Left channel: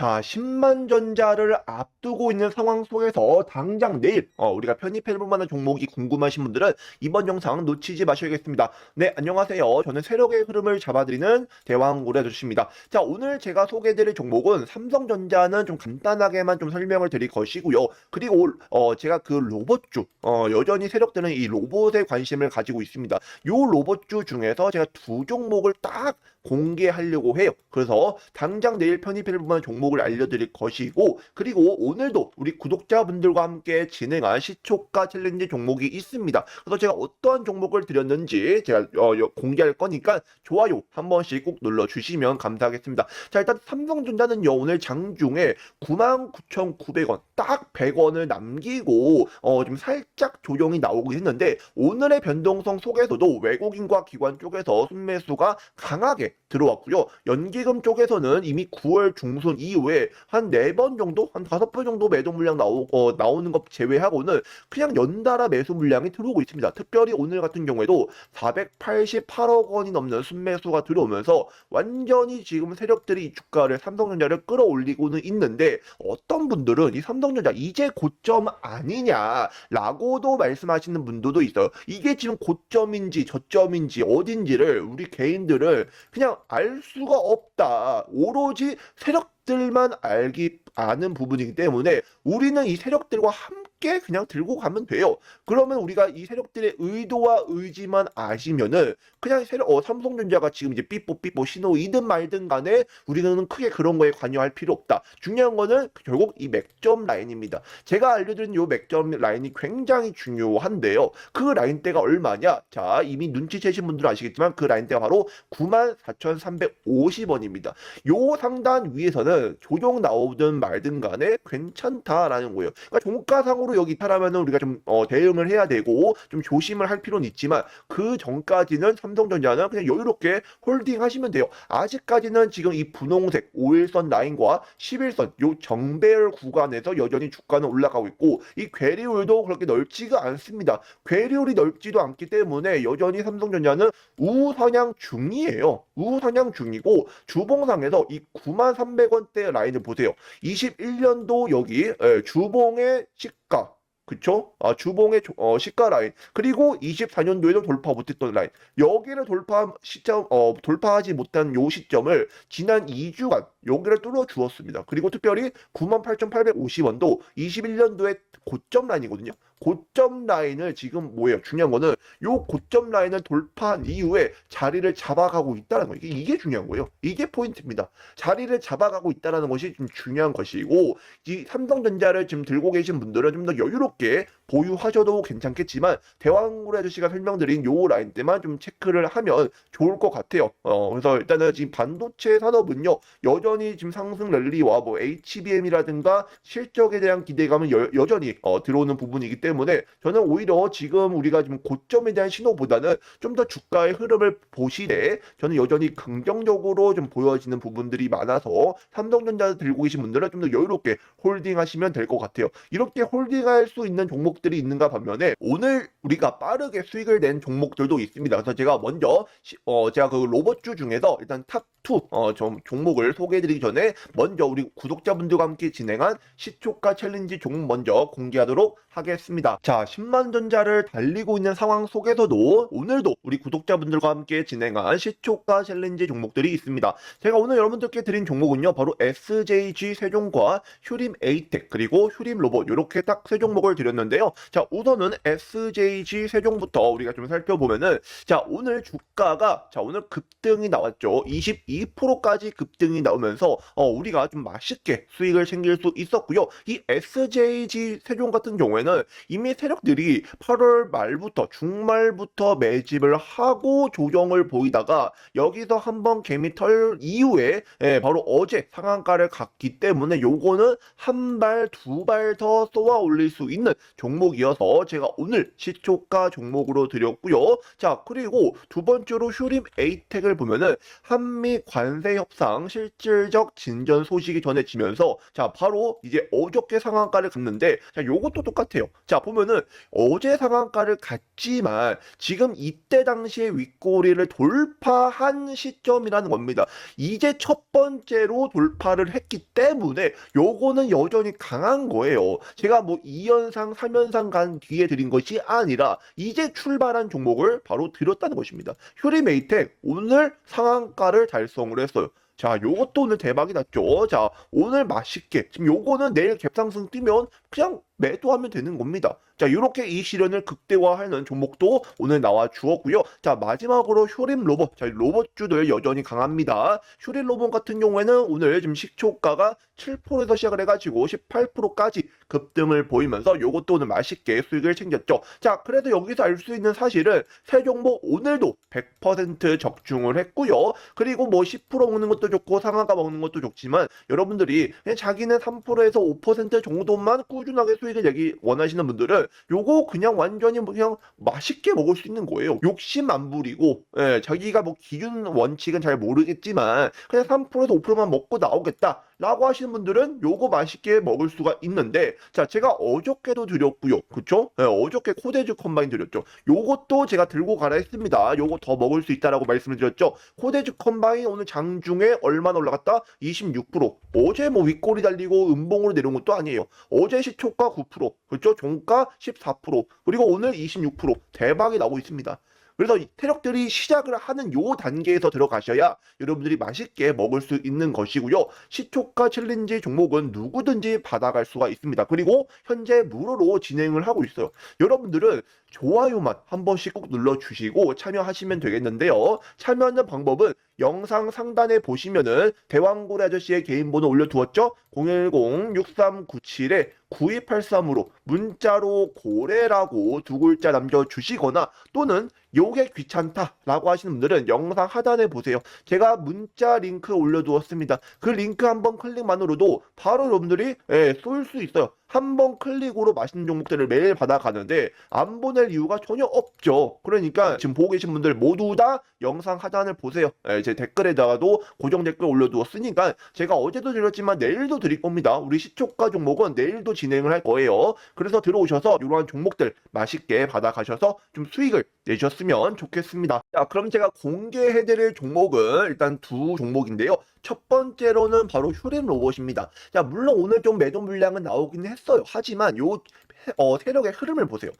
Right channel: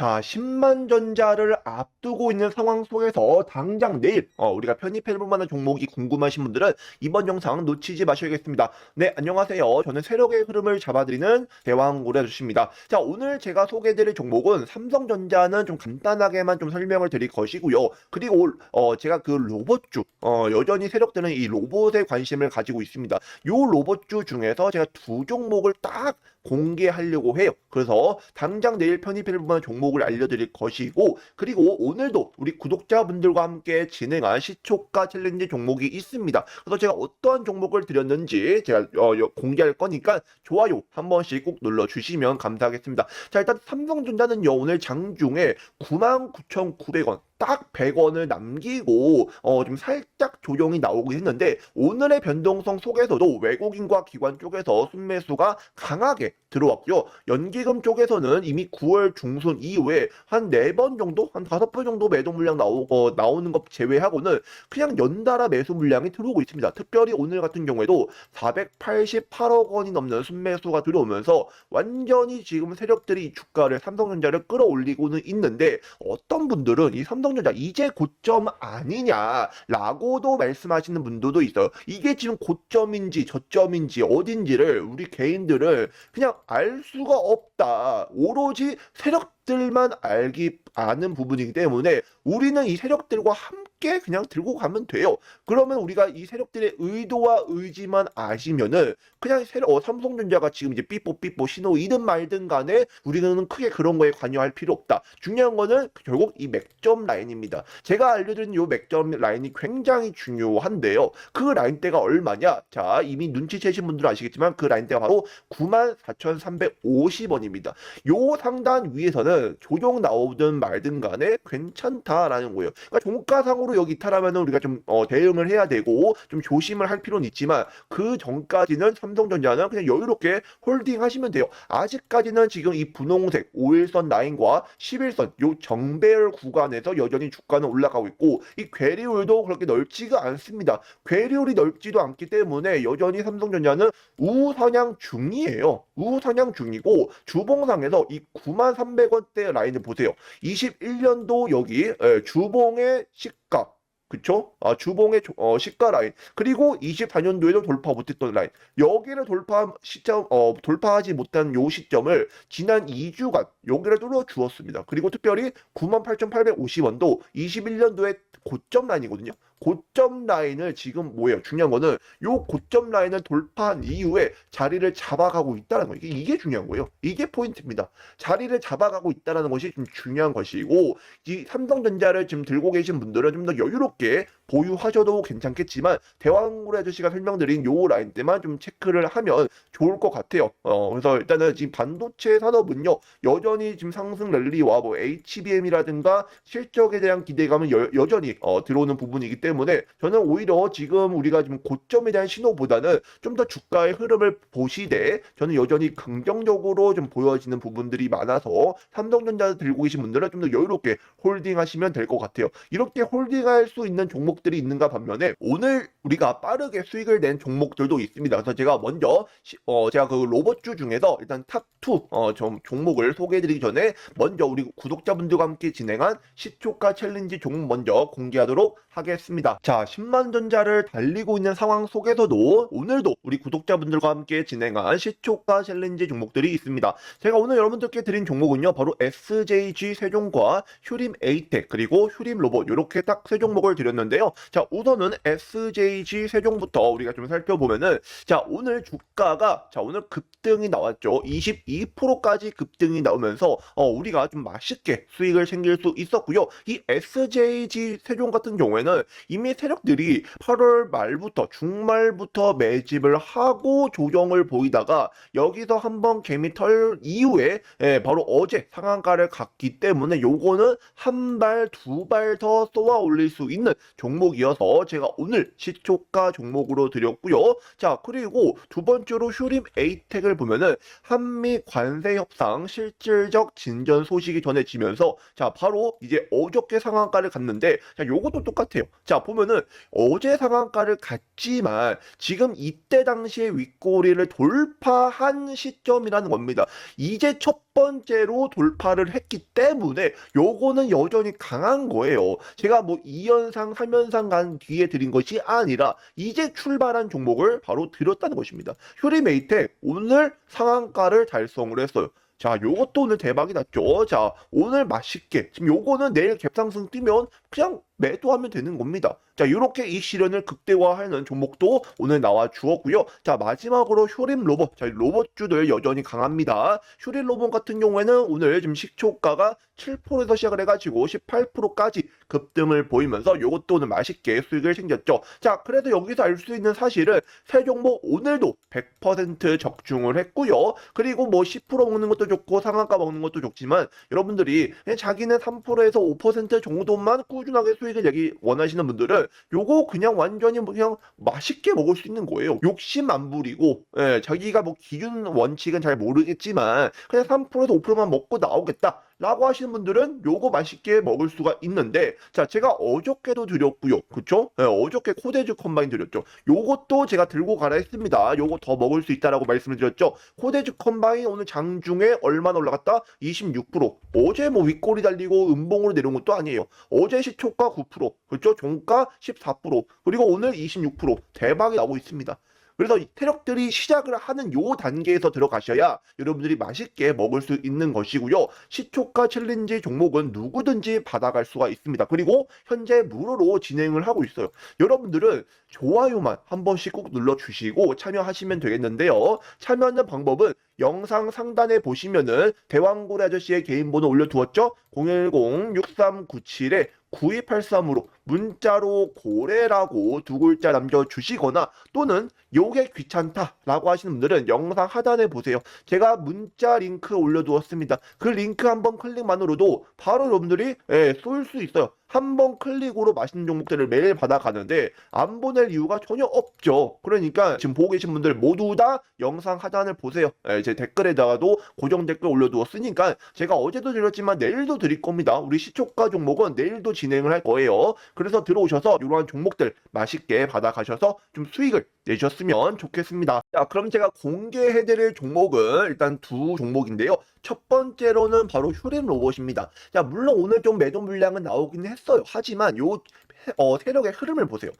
자, 10만 전자를 앞두고 있는 상황 속에서 당장 내일 어, 우리가 편입해 볼 만한 종목이 궁금하신 분들은 이번 영상 놓치지 마셔야겠습니다. 네, 안녕하세요. 저는 세력의 흐름을 잡아드리는 대왕고래주십니다. 자, 오늘 제가 소개해드릴 종목은 삼성전자는 좀 간단하게만 좀 설명을 드릴 것이고요. 그리고 어, 제가 그 로봇주 어, 여전히 세력들은 이 로봇에 관심을 가지고 있습니다. 요 로봇주 중에서 제가 두 종목을 딱 공개하려고 해요. 그래서 당장 내일 편입할 만한 종목을 알려드릴 것이고 그리고 오늘도 우리 구독자분들과 함께 진행한 시초가 챌린지 종목이 있습니다. 그래서 제가 어떠한 종목을 드렸는지 제가 어, 여- 공개할 거니까 좋아요 한 번씩 꼭 눌러주시면 감사하겠습니다. 자 일단 삼성전자는요 오늘 장중에 99,900원 딱 100원을 남기고 어, 좀 살짝 조정이 나오고 있는데 오늘의 변동성 속에서도 외국인과 기관 쪽에서 순매수가 강하게 들어왔고요. 연기금 쪽에서는 이미 9월 중순 이후에 한 4번 정도, 한 5번 정도 매도 물량 나오, 어, 나오는 것 제외하고는 그냥 연달아 매수 물량이 들어오고 있습니다. 특별히 오늘 같은 경우에도 488억 원이 넘는 순매수가 들어오면서 완전히 지금 세력들이 이 주가를 삼성전자를 끌어올리고는 있는데 어떤 분들은 이 삼성전자 이제 고점 아니냐라고도 말씀하시는 분들도 있어요. 이게 지금 고점인지 저점인지 어딘지를 우리 개인들을 그냥 알 수가 없다. 오로지 세력 들만 알기 아는 부분이기 때문에 우리는 이 세력들과 함께 그냥 들고 가면 돼요. 그러면 우리가 이 세력들의 의도와 의지만 아시면은 그냥 세력, 어, 삼성전자가 지금 이제 삐뽀삐뽀 신호이든 말든 간에 우리는 크게 그런 거에 관여할 필요 없다. 중요한 거는 결국 이 맥점 라인입니다. 제가 알려드린 이 맥점 라인이 굉장히 중요한데요. 그 라인대가 얼마냐? 자, 이미 눈치채신 분들은 아시겠지만 그 라인대가 바로 94,350원입니다. 요 상단 위에서는 조정 나오든 말든 간에 괜찮다라는 거예요. 그러니까 종가상으로 여기 있다라면 우리가 좀 어, 대응을 해야 되고 좀 조심을 할 필요는 있지만 그 전까지는 삼성전자는 그냥 여유롭게 홀딩 하시면 돼요. 아직까지는 지금 이 분홍색 5일선 라인과 11선 요 정배열 구간에서 여전히 주가는 올라가고 있고 이 괴리울도 그렇게 넓지가 않습니다. 괴리울이 넓지도 않기 때문에 여전히 삼성전자는 우선양 중이에요. 우선양 중이고 주봉상에서 이 93,300원 대 라인을 보세요. 21년도 여기 예, 주봉의 시가 그쵸? 아, 주봉의 조- 어, 시가 라인. 그리고 24년도에도 돌파 못했던 라인. 여기를 돌파 시점, 어, 돌파하지 못한 요 시점을 지난 2주간 여기를 뚫어 주었습니다. 그리고 특별히 98,850원도 21년도에 고점 라인이거든요. 고점 라인을 지금 뭐예요? 중요한 거는 요 고점 라인을 돌파한 이후에 자리를 잡아가고 있다는 거예요. 이게 중요한 거예요. 이게 포인트입니다. 자리를 잡아가고 있다는 것이 좀 중요한 것이고 이 삼성전자를 지금 들고 계신 분들은 좀 더 여유롭게 보유하셔도 괜찮겠지만 대왕문 아저씨가 설명드린 요 라인 때만 좀 체크를 하면 좋을 것 같아요. 어, 그래서 일단은 지금 반도체 산업은요 여전히 지금 상승 랠리와 뭐 HBM이라든가 실적에 대한 기대감은 여, 여전히 어, 들어오는 부분이기 때문에 저는 오히려 지금 우리가 지금 고점에 대한 신호보다는 좀 더 주가의 흐름을 보시되 저는 여전히 긍정적으로 좀 보여지는 부분들이 많아서 삼성전자 들고 계신 분들은 좀 더 여유롭게 홀딩하시면 될 것 같아요. 이렇게 홀딩할 수 있는 종목 들이 있는가 반면에 오늘 우리가 빠르게 수익을 낸 종목들도 있습니다. 그래서 제가 먼저 시- 어 제가 그 로봇주 중에서 일단 탑2 어, 종, 종목을 소개해드리기 전에 먼저 우리 구독자분들과 함께 진행한 시초가 챌린지 종목 먼저 공개하도록 하겠습니다. 자, 10만 전자를 달리고 있는 상황 속에서도 오늘도 우리 구독자분들과 함께 진행한 시초가 챌린지 종목들이 있습니다. 제가 오늘 여러분들께 드린 종목은요, 바로 SJG 세종과 휴림 에이텍 그리고 휴림 로봇 이렇게 딱 세 종목을 드렸는데요. 자, 우선은 SJG 세종부터 우리가 좀 살펴보면은 자, 오늘 주가가 자, 오늘 급등이 나왔죠. 22%까지 급등이 나오면서 어, 우리가 좀 맛있게 수익을 챙길 수 있었고요. 이 SJG 세종 같은 경우에는 이미 세력들이 8월 말부터 중말부터 매집을 하고 조정을 보이다가 여기서 한번 개미 털 이후에 예, 바로 어제 상한가를 갔기 때문에 요거는 한 발, 두 발 더 쏘아 올릴 수 있는 종 목이어서 제가 오늘 시초가 종목으로 드렸고요. 자, 그리고 두 번째로 휴림 에이텍을 보면은 한미 관세 협상 실질적 진전 소식이 전해지면서 자, 바로 이제 어저께 상한가를 갔는데 자, 요것도 똑같아요. 자, 보면은 어제 상한가를 갔지만 지금 이때 당시에 윗꼬리를 돌파한 시점이라는 겁니다. 이제 첫 번째로 돌파를 했기 때문에 요거는 여전히 강한 거예요. 제가 뭐 2연상, 3연 상간 뒤에 드린 것이 아니라 이제 출발한 종목을 바로 드렸다는 것입니다. 휴리메이텍 오늘 상한가를 달성을 했어요. 자, 요것도 오늘 대박이 났죠. 자, 오늘 맛있게. 지금 요거는 내일 갭상승 뛰면 그냥 매도하면 되는 겁니다. 자, 이렇게 이 시련을 극대화하는 종목도 오늘 나와 주었고요. 자, 마지막으로 휴림 로봇. 자, 로봇주들 여전히 강합니다. 휴림 로봇 같은 경우에는 오늘 지금 식초가가 7%에서 시작을 해가지고 18%까지 급등을 보이면서 요것도 오늘 맛있게 수익을 챙겼죠. 자, 그래도 여기서 알 수 있는 사실은 새 종목 오늘도 100% 적중을 했고요. 그리고 뭐 10% 먹는 것도 좋고 상한가 먹는 것도 좋지만 여러분들이 자기는 3%에서 5% 정도만 꾸준하게 수익을 내기 원하시는 분들은 요거 그냥 완전히 뭐 그냥 맛있게 먹을 수 있는 거예요. 욕심 안 부리고 예, 자기가 뭐 기준 원칙은 잘 모르겠지만 그냥 3%에서 5%만 먹고 나오겠다. 라고 하시는 분들은 요거 맛있게 먹을 수가 있는데 자 제가 어저께도 드렸고요. 그쵸? 예, 어저께 코데즈 컴바인 드렸죠. 요것도 제가 들고 가라 했습니다. 요거 더 먹을 수 있다라고 말씀을 드렸죠. 코데즈 컴바인 오늘 장중에 얼마나 올라갔다? 26% 어제 뭐 윗꼬리 달리고 음봉으로 내려온 것도 아니에요. 어제 시초가 9% 그렇죠 종가 14% 그리고 오늘 26% 대박이 나오고 있습니다 그래서 이 세력들이 시작을 하는 요 단계에서 들어가셔야 여러분들이 맛있게 먹을 수 있는 것이고요. 시초가 챌린지 종목은 누구든지 받아갈 수가 있습니다. 그리고 현재 무료로 진행을 하고 있어요. 여러분들은 좋아요만 한 번씩 꼭 눌러주시고 참여하시면 되겠는데요. 참여하는 방법은 영상 상단에 보시면은 대왕고래 아저씨의 개인 번호 올려두었죠? 010-6397-9283으로 문자로 고래라고 두 글자 남겨주시거나 또는 요게 귀찮다 라고 하시는 분들은 영상 하단에 보세요. 제가 문자 링크 올려두었습니다. 그 링크 한 번 클릭만으로도 바로 여러분들이 예, 쏠수 있어요. 한 번 클릭으로 맛있는 종목들을 매일 받아가는데 안 보낼 이유가 전혀 없죠. 그러니까 지금 보고 계신 분들 모두 다 영상 하단을 보세요. 예, 제 댓글에다가도 고정 댓글 올려두었으니까 제가 어제도 드렸지만 내일도 드릴 겁니다. 우리 시초가 종목은 내일도 진행을 할 거예요. 그래서 들어오셔서 이러한 종목들 맛있게 받아가셔서 좀 수익을 내셨으면 좋겠습니다. 자, 그럼 제가 공개해드릴 종목은 일단 두 종목인데요. 첫 번째로는 바로 휴림 로봇입니다. 자, 물론 오늘 좀 매도 물량은 나오긴 했어요. 하지만 요 어, 세력의 흐름을 보세요.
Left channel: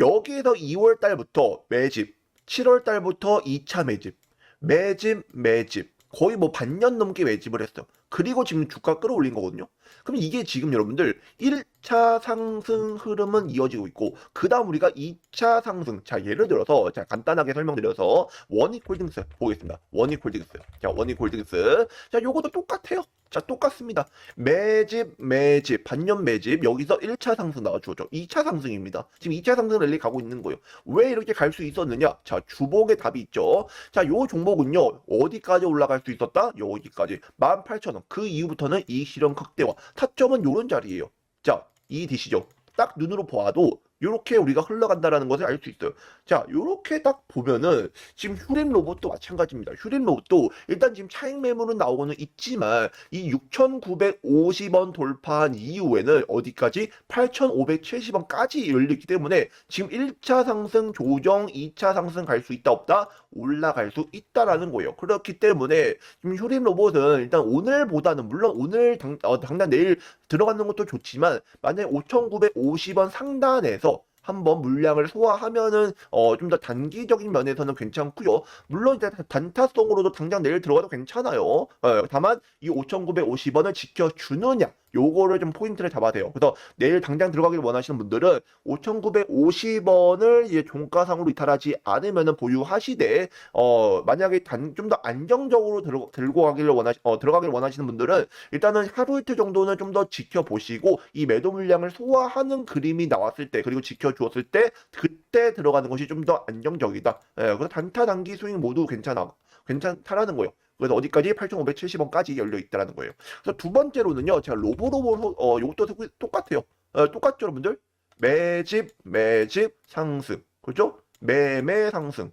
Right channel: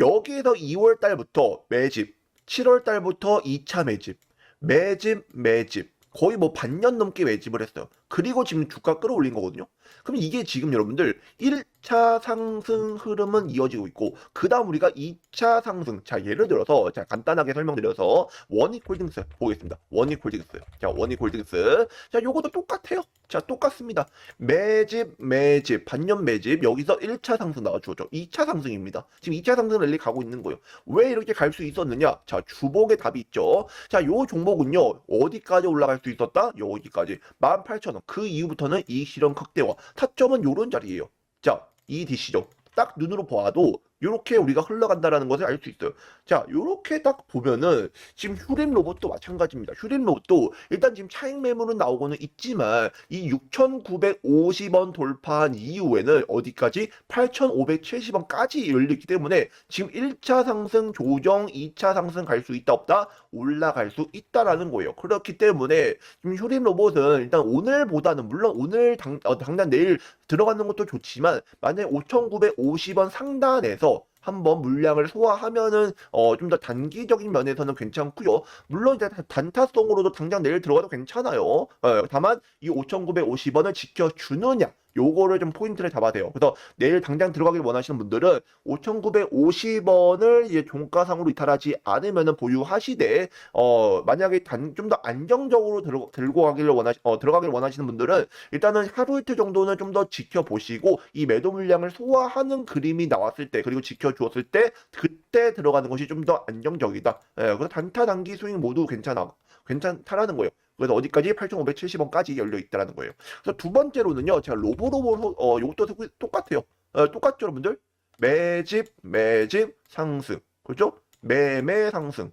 여기에서 2월 달부터 매집, 7월 달부터 2차 매집, 매집, 매집. 거의 뭐 반년 넘게 매집을 했어요. 그리고 지금 주가 끌어올린 거거든요. 그럼 이게 지금 여러분들 1차 상승 흐름은 이어지고 있고 그 다음 우리가 2차 상승 자 예를 들어서 자 간단하게 설명드려서 원익홀딩스 보겠습니다. 원익홀딩스 자 원익홀딩스 자 요것도 똑같아요. 자 똑같습니다. 매집 매집 반년 매집 여기서 1차 상승 나와주죠. 2차 상승입니다. 지금 2차 상승 랠리 가고 있는 거예요. 왜 이렇게 갈 수 있었느냐? 자 주복의 답이 있죠. 자 요 종목은요 어디까지 올라갈 수 있었다? 여기까지 18,000원 그 이후부터는 이 실현 극대화 타점은 요런 자리예요. 자, 이 디시죠. 딱 눈으로 보아도 이렇게 우리가 흘러간다라는 것을 알 수 있어요. 자, 이렇게 딱 보면은 지금 휴림 로봇도 마찬가지입니다. 휴림 로봇도 일단 지금 차익 매물은 나오고는 있지만 이 6,950원 돌파한 이후에는 어디까지 8,570원까지 열리기 때문에 지금 1차 상승 조정, 2차 상승 갈 수 있다 없다 올라갈 수 있다라는 거예요. 그렇기 때문에 지금 휴림 로봇은 일단 오늘보다는 물론 오늘 당, 어, 당장 내일 들어가는 것도 좋지만 만약에 5,950원 상단에서 한번 물량을 소화하면은 어 좀 더 단기적인 면에서는 괜찮고요. 물론 이제 단타성으로도 당장 내일 들어가도 괜찮아요. 어, 다만 이 5,950원을 지켜주느냐 요거를 좀 포인트를 잡아야 돼요. 그래서 내일 당장 들어가길 원하시는 분들은 5,950원을 이제 종가상으로 이탈하지 않으면은 보유하시되 어 만약에 단좀더 안정적으로 들어, 들고 가기를 원하시 어 들어가길 원하시는 분들은 일단은 하루 이틀 정도는 좀 더 지켜보시고 이 매도 물량을 소화하는 그림이 나왔을 때 그리고 지켜주었을 때 그때 들어가는 것이 좀 더 안정적이다. 예, 그래서 단타 단기 수익 모두 괜찮아. 괜찮다라는 거예요. 그래서 어디까지 8,570원까지 열려 있다라는 거예요. 그래서 두 번째로는요, 제가 로보로보 어 요것도 똑같아요. 어, 똑같죠, 여러분들? 매집, 매집, 상승. 그죠? 매매 상승.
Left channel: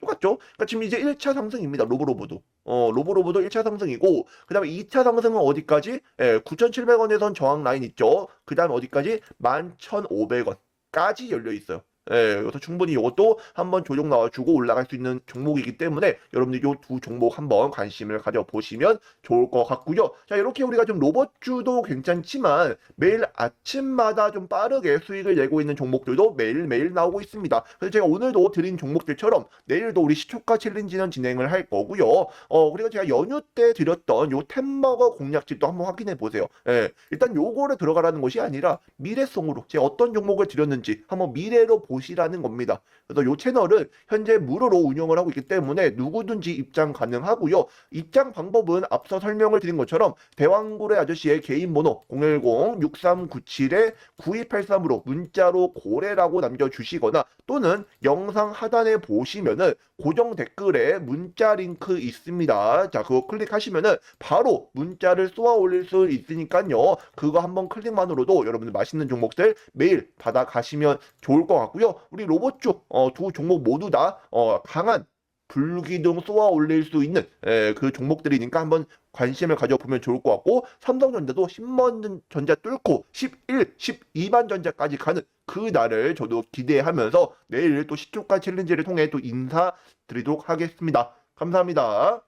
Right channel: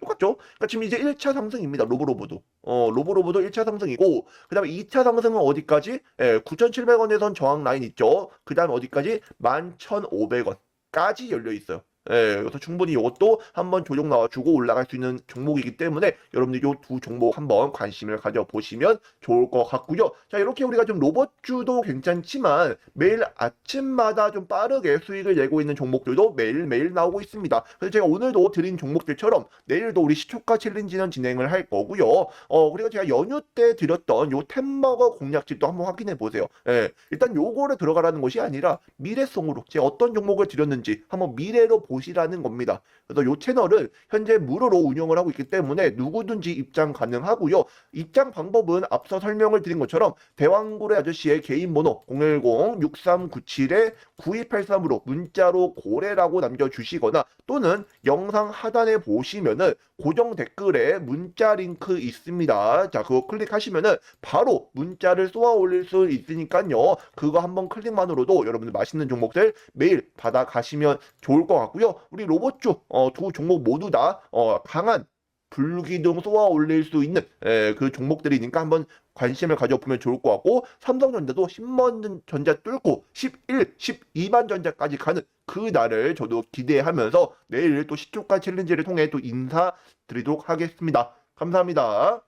똑같죠? 그러니까 지금 이제 1차 상승입니다. 로브로브도. 어, 로브로브도 1차 상승이고, 그 다음에 2차 상승은 어디까지? 예, 9,700원에선 저항 라인 있죠? 그 다음 어디까지? 11,500원까지 열려 있어요. 예, 그래서 충분히 이것도 한번 조정 나와주고 올라갈 수 있는 종목이기 때문에 여러분들 이 두 종목 한번 관심을 가져보시면 좋을 것 같고요. 자, 이렇게 우리가 좀 로봇주도 괜찮지만 매일 아침마다 좀 빠르게 수익을 내고 있는 종목들도 매일매일 나오고 있습니다. 그래서 제가 오늘도 드린 종목들처럼 내일도 우리 시초가 챌린지는 진행을 할 거고요. 어, 우리가 제가 연휴 때 드렸던 요 템마가 공략집도 한번 확인해 보세요. 예, 일단 요거를 들어가라는 것이 아니라 미래성으로 제가 어떤 종목을 드렸는지 한번 미래로 보 시라는 겁니다. 그래서 이 채널은 현재 무료로 운영을 하고 있기 때문에 누구든지 입장 가능하고요. 입장 방법은 앞서 설명을 드린 것처럼 대왕고래 아저씨의 개인 번호 010-6397-9283으로 문자로 고래라고 남겨주시거나 또는 영상 하단에 보시면은 고정 댓글에 문자 링크 있습니다. 자, 그거 클릭하시면은 바로 문자를 쏘아 올릴 수 있으니까요. 그거 한번 클릭만으로도 여러분들 맛있는 종목들 매일 받아 가시면 좋을 것 같고요. 우리 로봇주 어, 두 종목 모두 다 어, 강한 불기둥 쏘아 올릴 수 있는 에, 그 종목들이니까 한번 관심을 가져보면 좋을 것 같고 삼성전자도 10만 전자 뚫고 11, 12만 전자까지 가는 그 날을 저도 기대하면서 내일 또 시초가 챌린지를 통해 또 인사드리도록 하겠습니다. 감사합니다.